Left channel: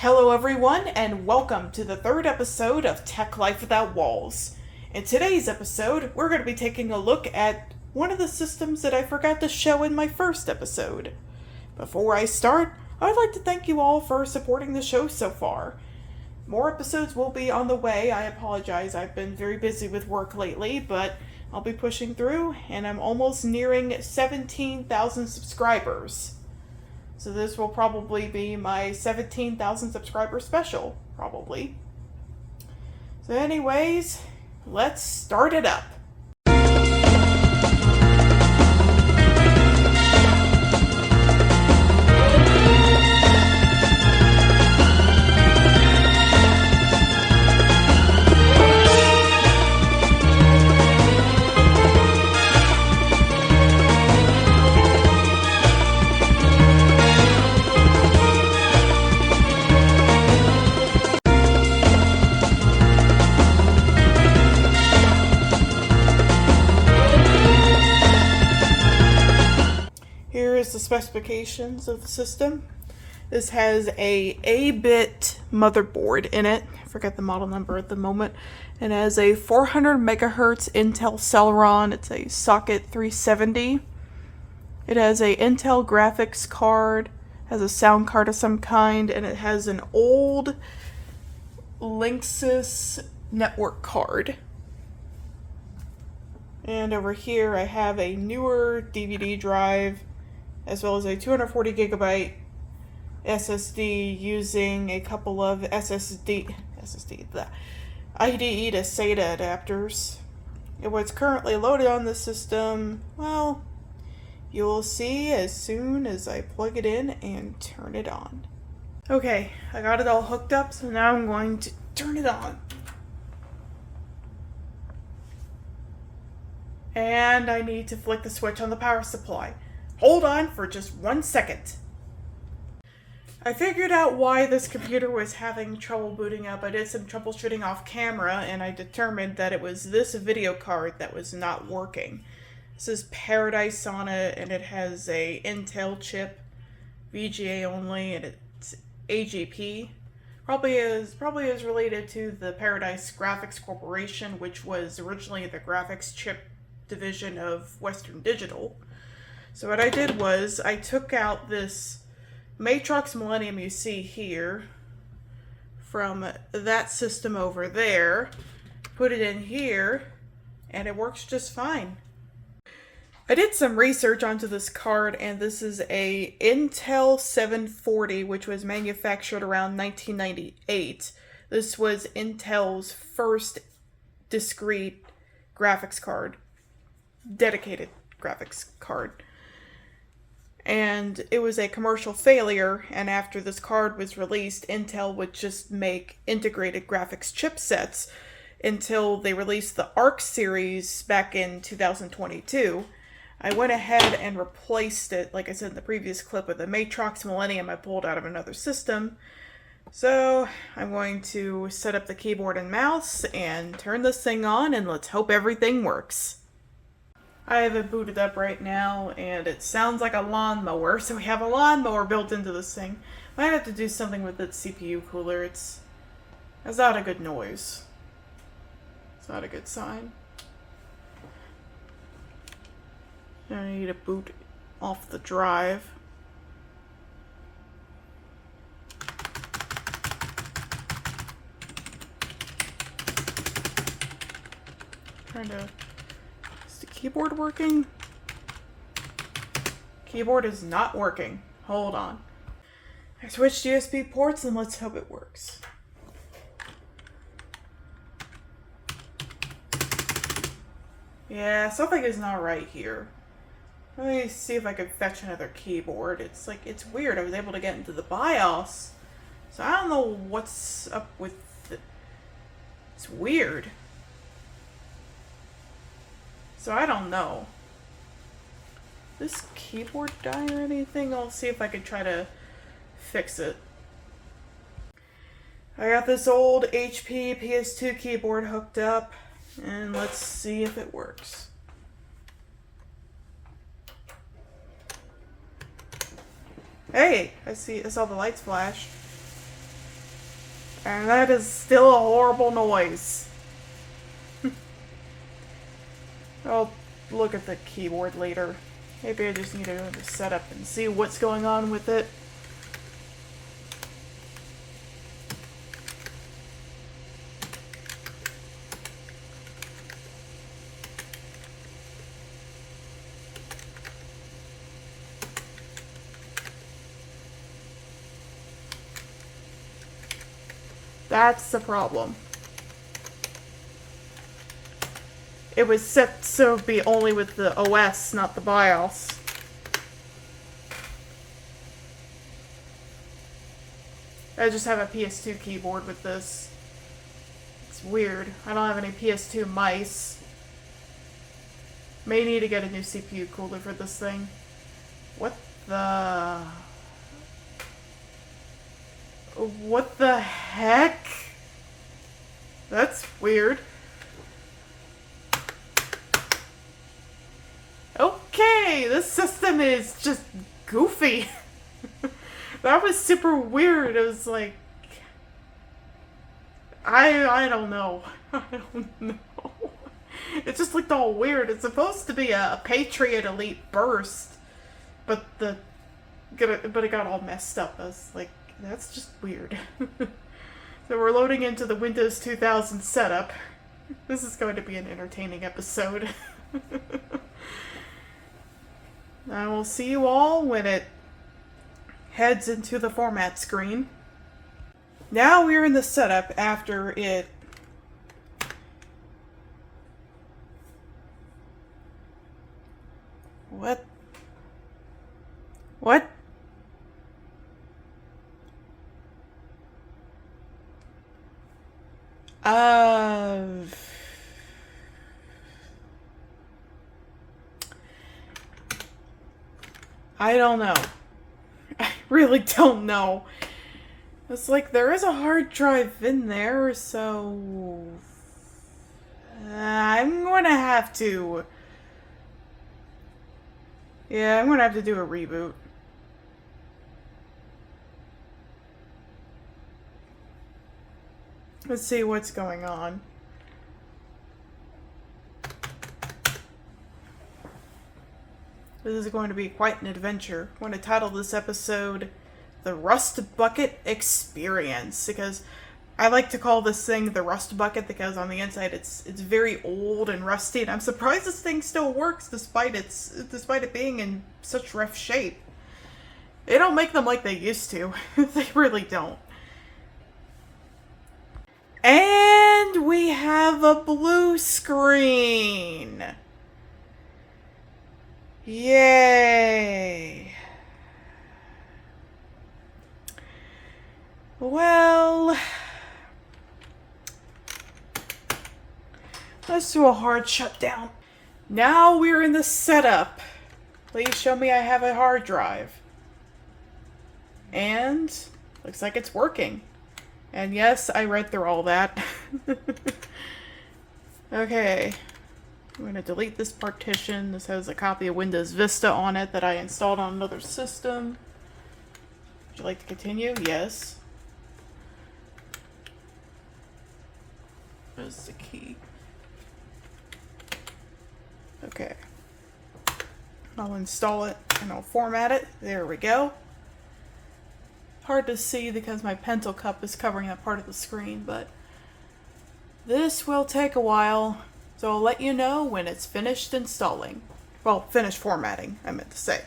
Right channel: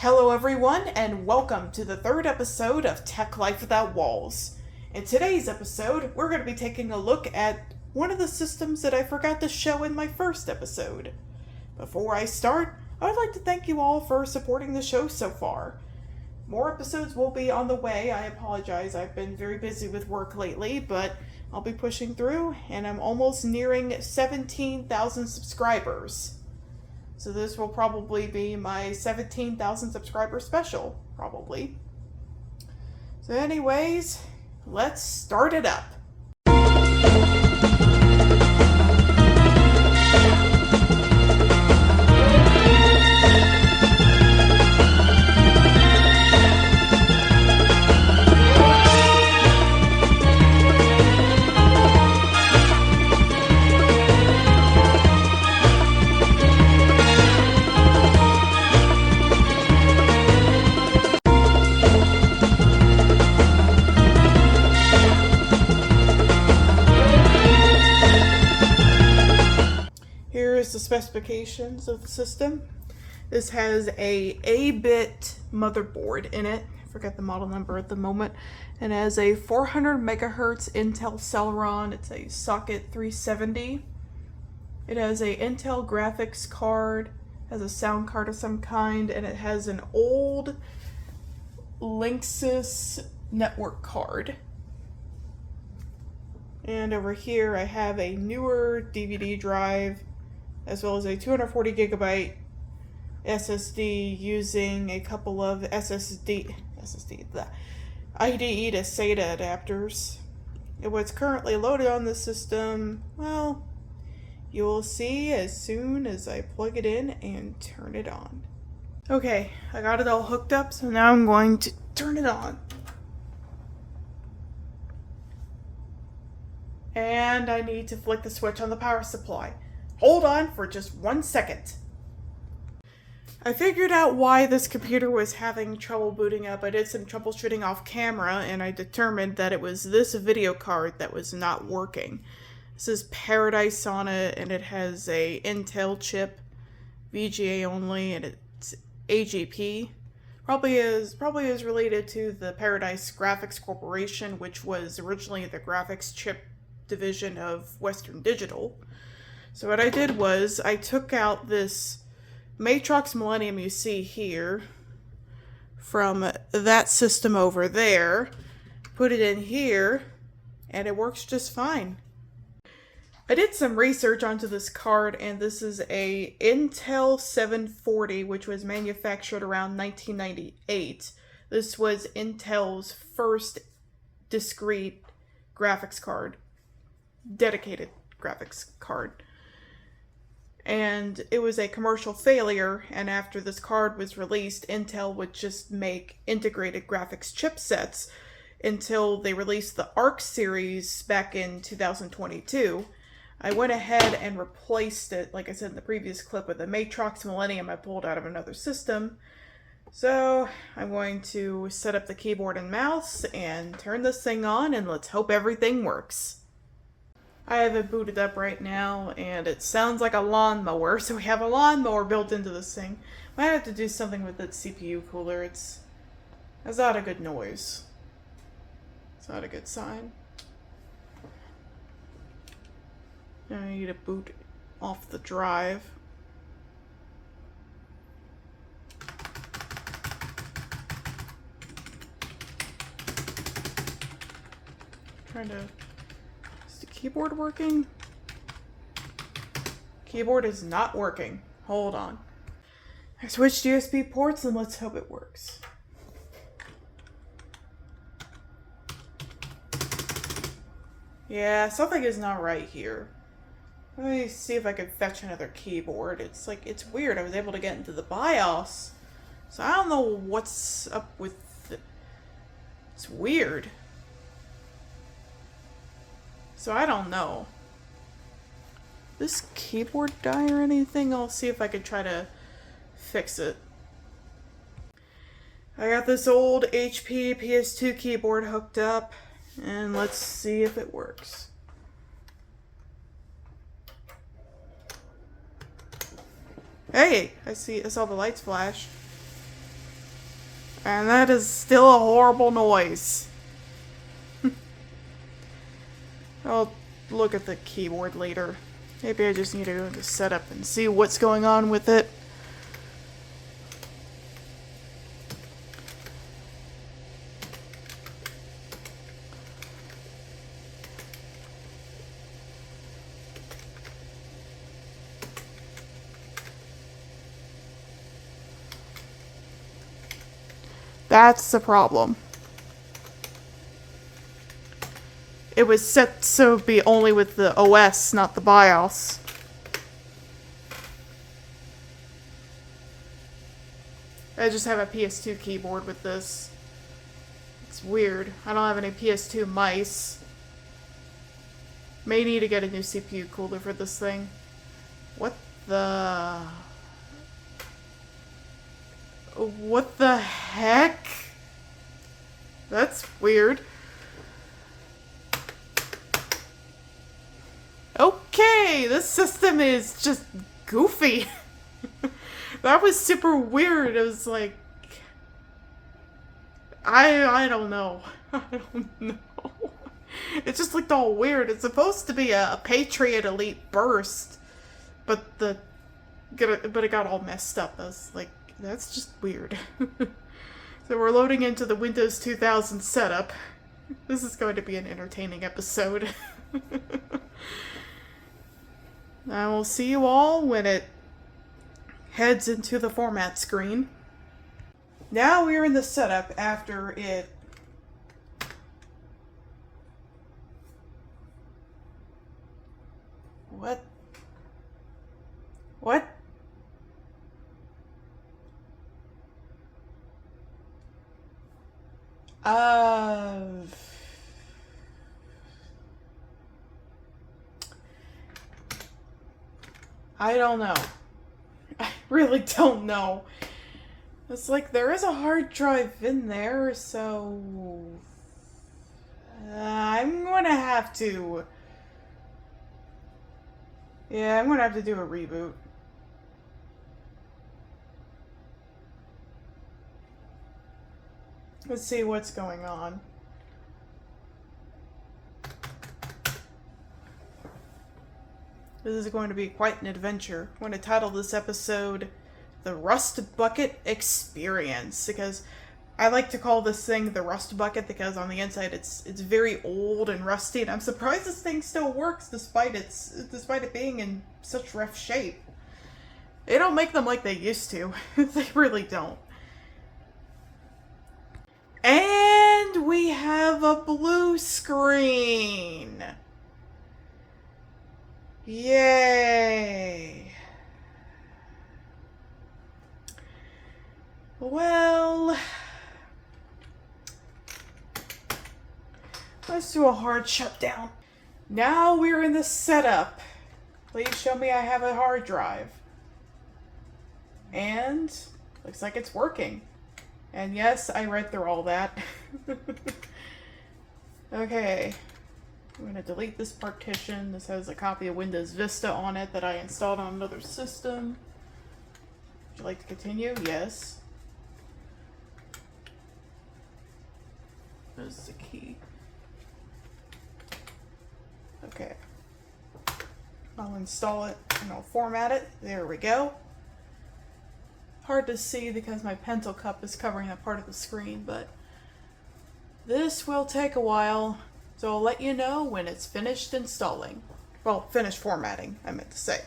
Hello everyone and welcome to the third episode of Tech Life Without Walls. In today's episode, we're going to be taking a look at one of the systems that I forgot to show in my first episode. Before I start, I'd like to thank you all for supporting the show so far. More episodes will be on the way. I apologize, I've been very busy with work lately, but I'll be pushing through and I'm almost nearing 17,000 subscribers. So this will probably be my 17,000 subscriber special, probably. So anyways, let's start it up. Here's the specifications of the system. This has a 8-bit motherboard in it. I forget the model number at the moment. It has a 400 megahertz Intel Celeron. It's a socket 370. It has a Intel graphics card, has a sound card of some kind, and it has an old Linksys network card. And over here I have a newer DVD drive, as well as a 240 gigabyte SSD using a couple of the IDE to SATA adapters. And what's currently loaded on the system, well, you'll see as soon as I plug it in and turn it on. Okay, I got it all hooked up, so now I'm going to turn it on. And I need to flick the switch on the power supply. Hold on for just 1 second. I figured out why this computer was having trouble booting up. I did some troubleshooting off camera and I determined that it was this video card that was not working. This is Paradise on it and it has a Intel chip, VGA only, and it's AGP. Probably is related to the Paradise Graphics Corporation, which was originally the graphics chip division of Western Digital. So what I did was I took out this Matrox Millennium you see here from that system over there, put it in here, and it works just fine. I did some research onto this card, and this is a Intel 740, which was manufactured around 1998. This was Intel's first discrete graphics card, dedicated graphics card. And it was a commercial failure, and after this card was released, Intel would just make integrated graphics chipsets until they released the ARC series back in 2022. I went ahead and replaced it, like I said in the previous clip, with a Matrox Millennium I pulled out of another system. So I'm going to set up the keyboard and mouse and turn this thing on, and let's hope everything works. I have it booted up right now, and it sounds like a lawnmower, so we have a lawnmower built into this thing. I might have to do something with its CPU cooler. It's not a good noise. It's not a good sign. I need to boot off the drive. Is the keyboard working? Keyboard is not working. Hold on. I switched USB ports and let's hope it works. Yeah, something is not right here. Let me see if I can fetch another keyboard. It's weird. I was able to get into the BIOS. So I don't know what's up with it. It's weird. So I don't know. This keyboard die or anything? I'll see if I can try to fix it. I got this old HP PS2 keyboard hooked up, and let's see if it works. Hey, I saw the lights flash. And that is still a horrible noise. I'll look at the keyboard later. Maybe I just need to set up and see what's going on with it. That's the problem. It was set so it would be only with the OS, not the BIOS. I just have a PS2 keyboard with this. It's weird. I don't have any PS2 mice. May need to get a new CPU cooler for this thing. What the... What the heck? That's weird. Okay, this system is just goofy. That was super weird. It was like... I don't know. I don't know. It just looked all weird. It's supposed to be a Patriot Elite burst, but it got all messed up. I was like, that's just weird. So we're loading into the Windows 2000 setup. This is going to be an entertaining episode. I will see you all when it heads into the format screen. Now we're in the setup after it... What? What? I don't know. I really don't know. It's like there is a hard drive in there, so I'm gonna have to... Yeah, I'm gonna have to do a reboot. Let's see what's going on. This is going to be quite an adventure. I'm going to title this episode The Rust Bucket Experience, because I like to call this thing the Rust Bucket because on the inside it's very old and rusty, and I'm surprised this thing still works despite it being in such rough shape. They don't make them like they used to. They really don't. And we have a blue screen. Yay. Well, let's do a hard shutdown. Now we're in the setup. Please show me I have a hard drive. And looks like it's working. And yes, I read through all that. Okay. I'm going to delete this partition. This has a copy of Windows Vista on it that I installed on another system. Would you like to continue? Yes. There's the key. Okay. I'll install it and I'll format it. There we go. Hard to see because my pencil cup is covering that part of the screen, but this will take a while, so I'll let you know when it's finished installing. Well, finished formatting, I meant to say.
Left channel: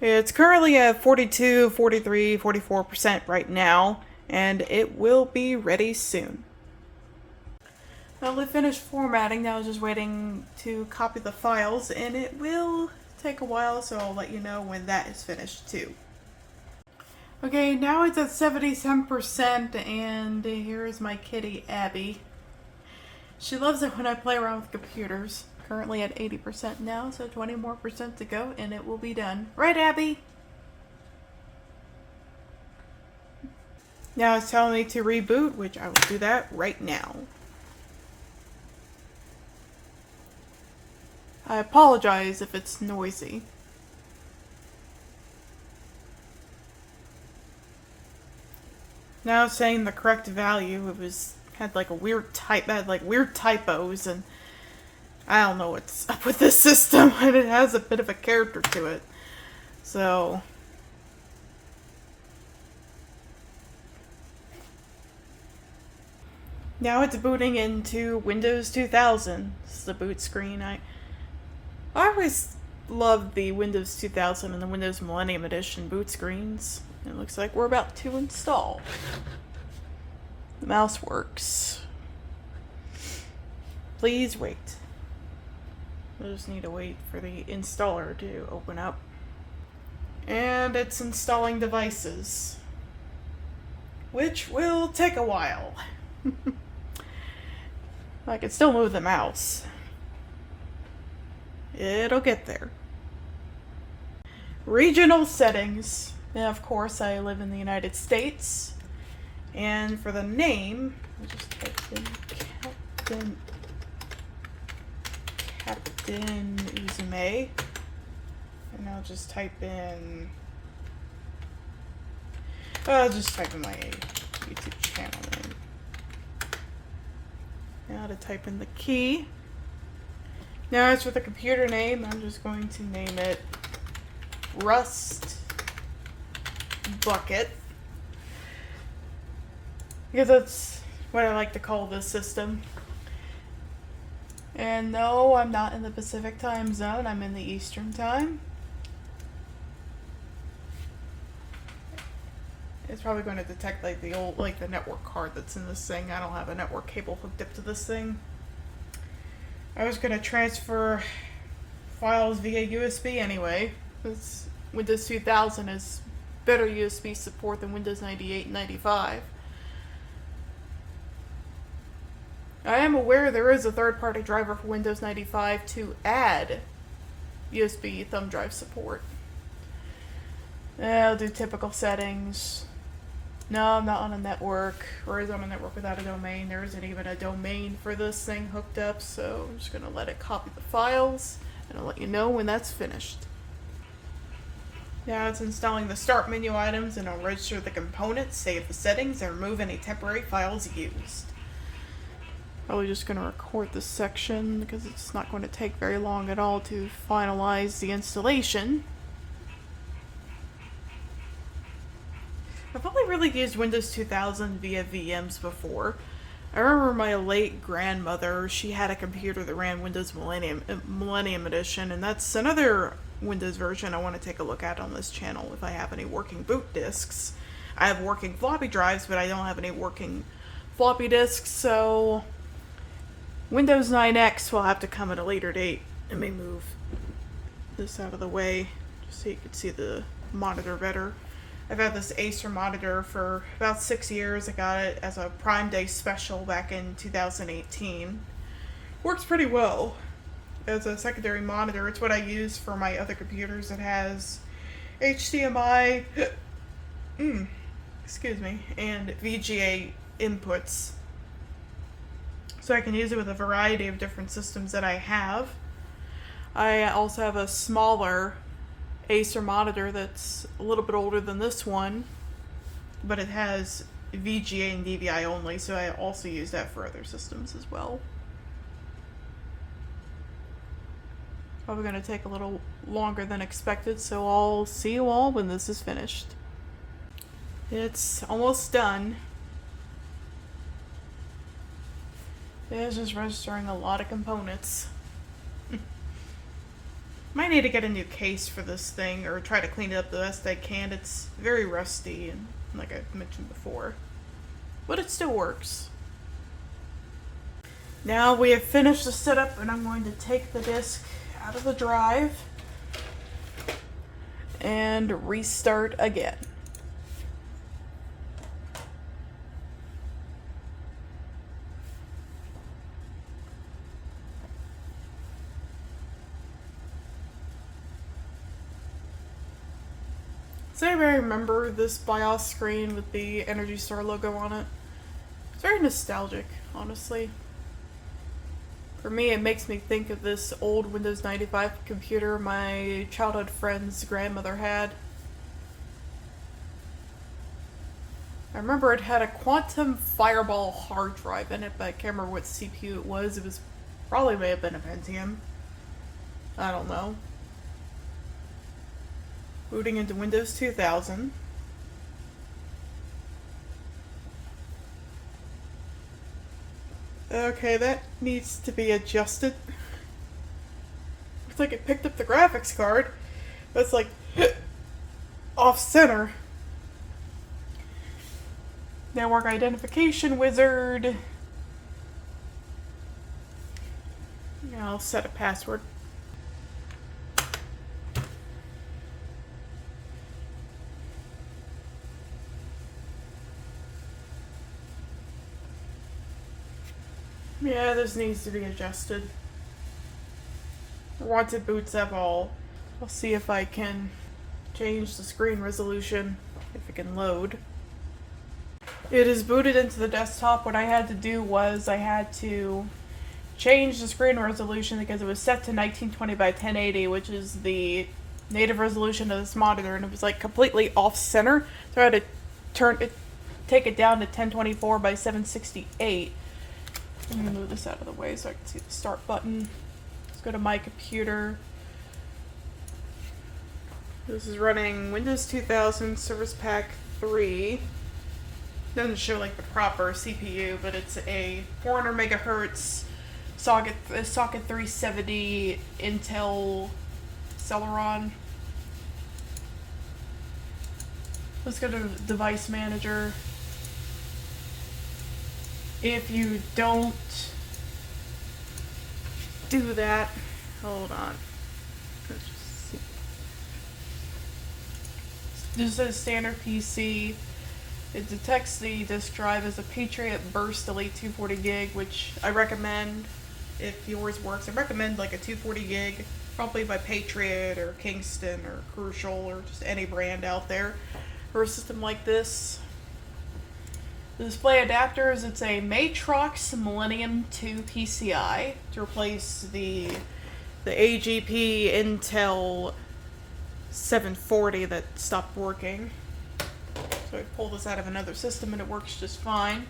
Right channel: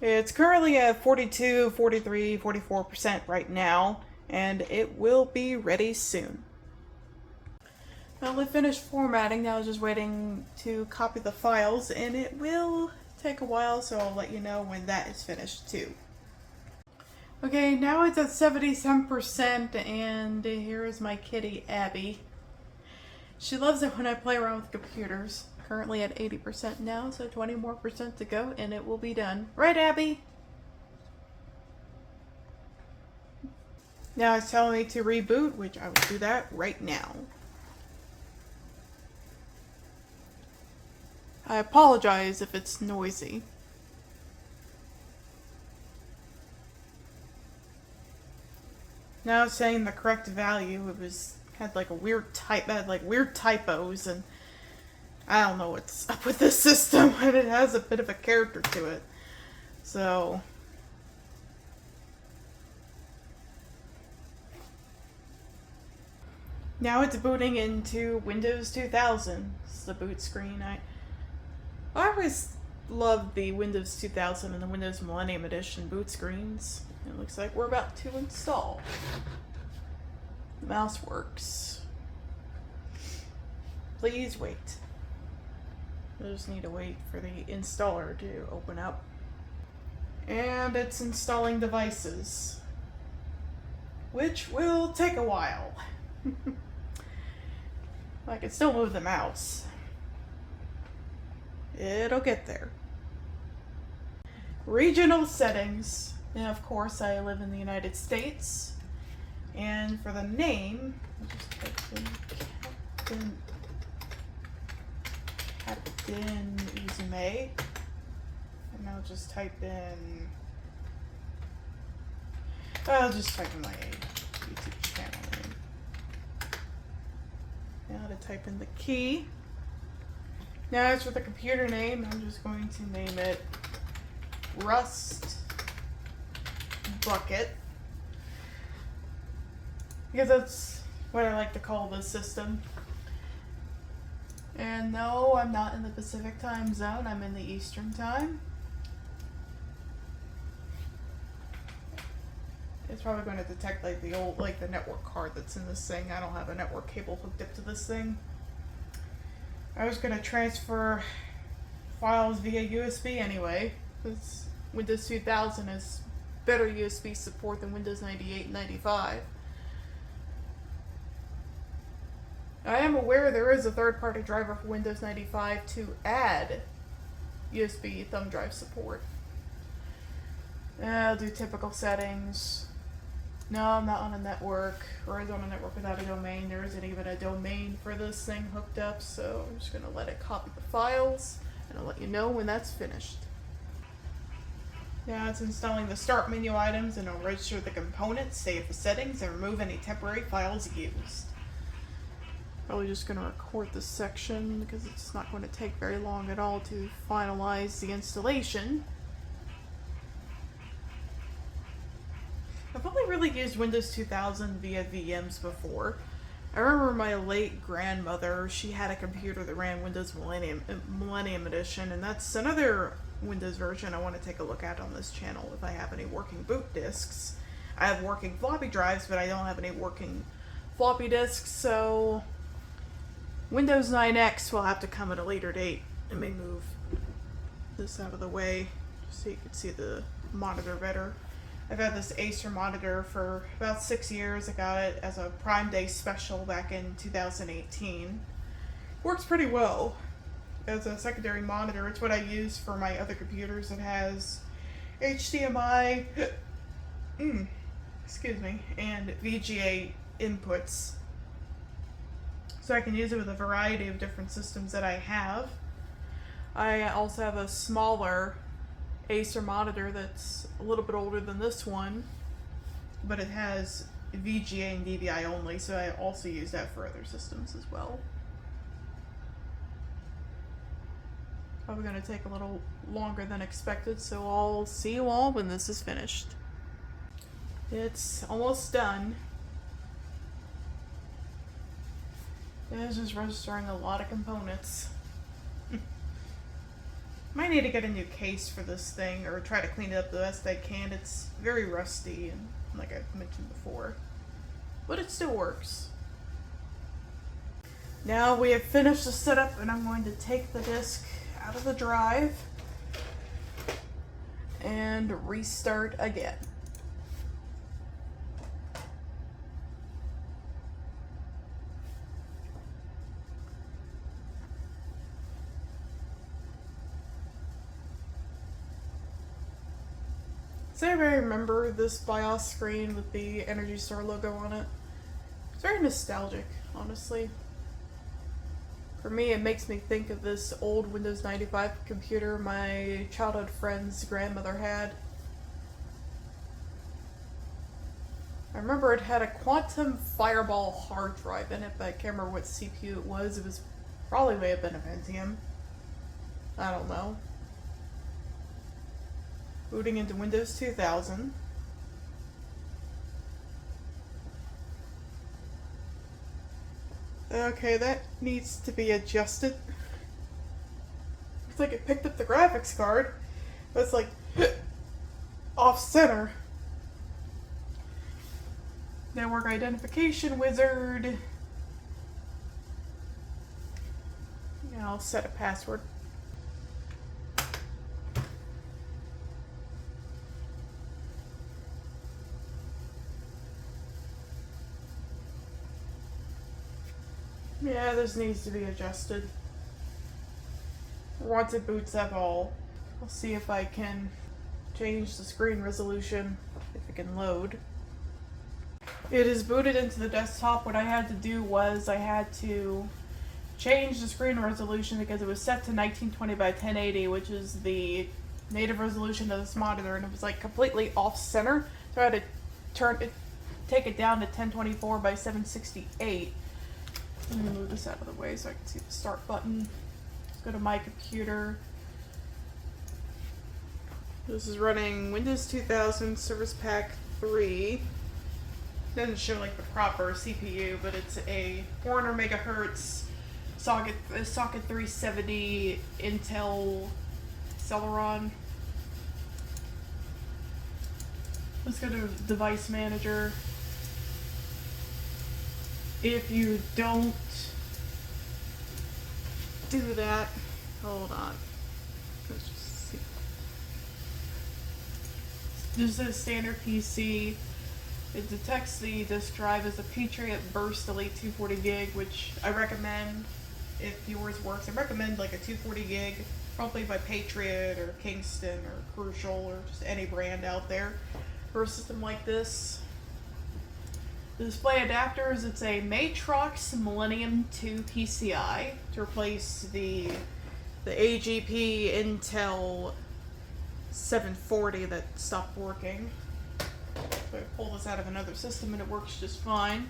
It's currently at 42, 43, 44% right now, and it will be ready soon. Well, it finished formatting. Now I'm just waiting to copy the files, and it will take a while, so I'll let you know when that is finished too. Okay, now it's at 77%, and here's my kitty, Abby. She loves it when I play around with computers. Currently at 80% now, so 20 more percent to go, and it will be done. Right, Abby? Now it's telling me to reboot, which I will do that right now. I apologize if it's noisy. Now it's saying the correct value. It was had like a weird had like weird typos, and I don't know what's up with this system, and it has a bit of a character to it. So now it's booting into Windows 2000. This is the boot screen. I always loved the Windows 2000 and the Windows Millennium Edition boot screens. It looks like we're about to install. The mouse works. Please wait. We'll just need to wait for the installer to open up. And it's installing devices, which will take a while. I can still move the mouse. It'll get there. Regional settings. Now, of course, I live in the United States. And for the name, I'll just type in Captain Uzume. And I'll just type in... I'll just type in my YouTube channel name. Now to type in the key. Now as for the computer name, I'm just going to name it Rust Bucket, because that's what I like to call this system. And no, I'm not in the Pacific time zone, I'm in the Eastern time. It's probably going to detect like the old, like the network card that's in this thing. I don't have a network cable hooked up to this thing. I was going to transfer files via USB anyway, because Windows 2000 is better USB support than Windows 98 and 95. I am aware there is a third-party driver for Windows 95 to add USB thumb drive support. I'll do typical settings. No, I'm not on a network, or is on a network without a domain. There isn't even a domain for this thing hooked up, so I'm just going to let it copy the files, and I'll let you know when that's finished. Now it's installing the start menu items, and I'll register the components, save the settings, and remove any temporary files used. Probably just going to record this section, because it's not going to take very long at all to finalize the installation. I've only really used Windows 2000 via VMs before. I remember my late grandmother, she had a computer that ran Windows Millennium Edition, and that's another Windows version I want to take a look at on this channel if I have any working boot disks. I have working floppy drives, but I don't have any working floppy disks, so Windows 9X will have to come at a later date. Let me move this out of the way just so you can see the monitor better. I've had this Acer monitor for about 6 years. I got it as a Prime Day special back in 2018. Works pretty well as a secondary monitor. It's what I use for my other computers. It has HDMI, excuse me, and VGA inputs. So I can use it with a variety of different systems that I have. I also have a smaller Acer monitor that's a little bit older than this one, but it has VGA and DVI only, so I also use that for other systems as well. Probably going to take a little longer than expected, so I'll see you all when this is finished. It's almost done. It's just registering a lot of components. Might need to get a new case for this thing, or try to clean it up the best I can. It's very rusty, and like I mentioned before, but it still works. Now we have finished the setup, and I'm going to take the disk out of the drive and restart again. Does anybody remember this BIOS screen with the Energy Store logo on it? It's very nostalgic, honestly. For me, it makes me think of this old Windows 95 computer my childhood friend's grandmother had. I remember it had a Quantum Fireball hard drive in it, but I can't remember what CPU it was. It was probably may have been a Pentium. I don't know. Booting into Windows 2000. Okay, that needs to be adjusted. Looks like it picked up the graphics card, but it's like off center. Network identification wizard. Yeah, I'll set a password. Yeah, this needs to be adjusted. Wanted boots have all. I'll see if I can change the screen resolution, if it can load. It is booted into the desktop. What I had to do was I had to change the screen resolution because it was set to 1920 by 1080, which is the native resolution of this monitor, and it was like completely off center. So I had to take it down to 1024 by 768. Let me move this out of the way so I can see the start button. Let's go to my computer. This is running Windows 2000 Service Pack 3. Doesn't show like the proper CPU, but it's a 400 megahertz socket 370 Intel Celeron. Let's go to Device Manager. If you don't do that, hold on. This is a standard PC. It detects the disk drive as a Patriot Burst Elite 240 gig, which I recommend if yours works. I recommend like a 240 gig, probably by Patriot or Kingston or Crucial or just any brand out there for a system like this. The display adapters, it's a Matrox Millennium 2 PCI to replace the AGP Intel 740 that stopped working. So I pulled this out of another system and it works just fine.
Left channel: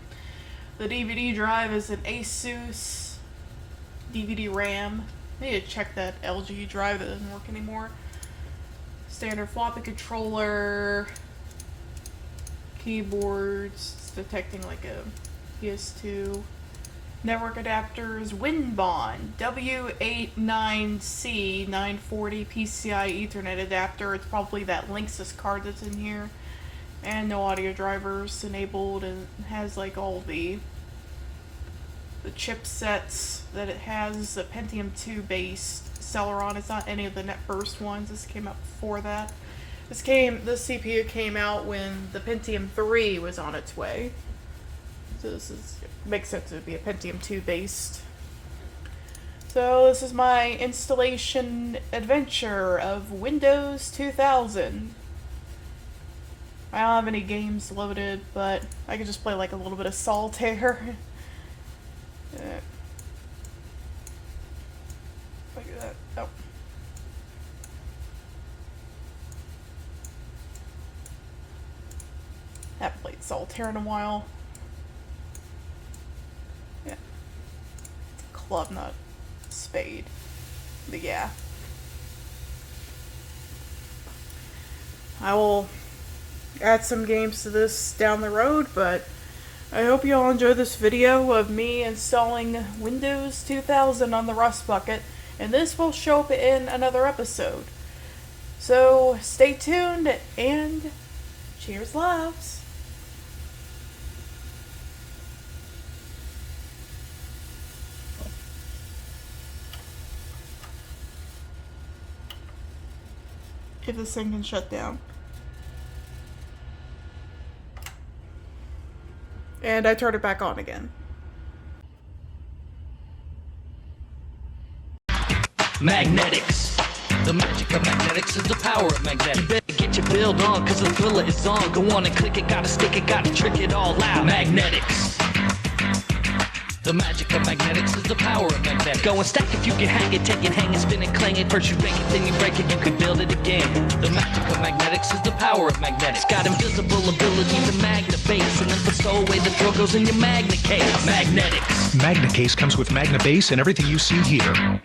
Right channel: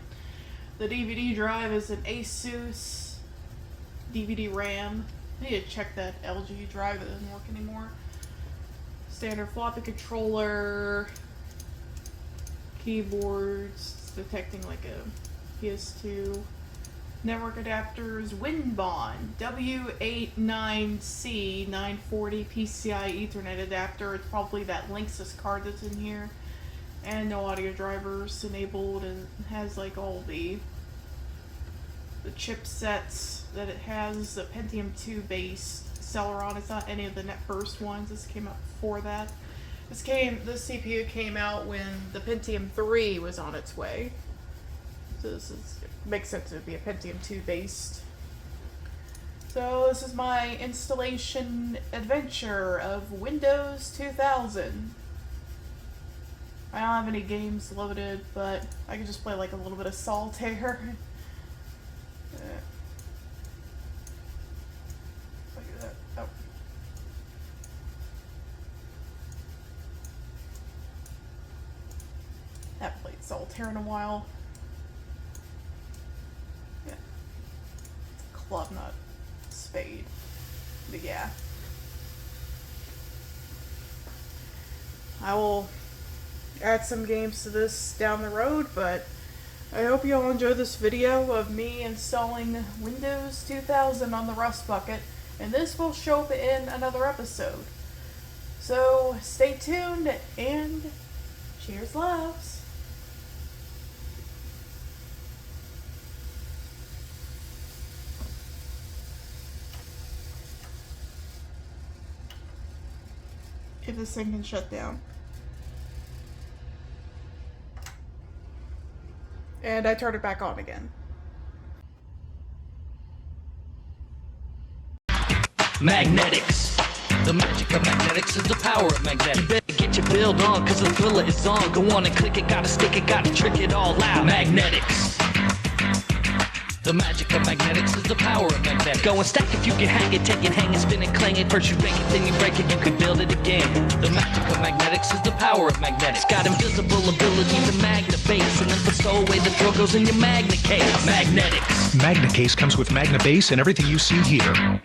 The DVD drive is an Asus DVD RAM. I need to check that LG drive that doesn't work anymore. Standard floppy controller, keyboards, it's detecting like a PS2. Network adapters, WinBond, W89C 940 PCI Ethernet adapter. It's probably that Linksys card that's in here. And no audio drivers enabled, and has like all the chipsets that it has. A Pentium 2 based Celeron. It's not any of the NetBurst ones. This came out before that. This CPU came out when the Pentium 3 was on its way. So this makes sense it would be a Pentium 2 based. So this is my installation adventure of Windows 2000. I don't have any games loaded, but I can just play like a little bit of solitaire. Look at that. Oh. Haven't played solitaire in a while. Yeah. Club, not spade. But yeah. I will add some games to this down the road, but I hope you all enjoy this video of me installing Windows 2000 on the Rust Bucket, and this will show up in another episode. So stay tuned, and cheers loves! If this thing can shut down. And I turned it back on again. Magnetics. The magic of magnetics is the power of magnetics. You better get your build on, cause the thriller is on. Go on and click it, gotta stick it, gotta trick it all out. Magnetics. The magic of magnetics is the power of magnetics. Go and stack if you can hang it, take it, hang it, spin it, clang it. First you break it, then you break it, you can build it again. The magic of magnetics is the power of magnetics. Got invisible ability to mag the base. throw away the throw goes in your magnet case. Magnetics. MagnaCase comes with Magna Base and everything you see here.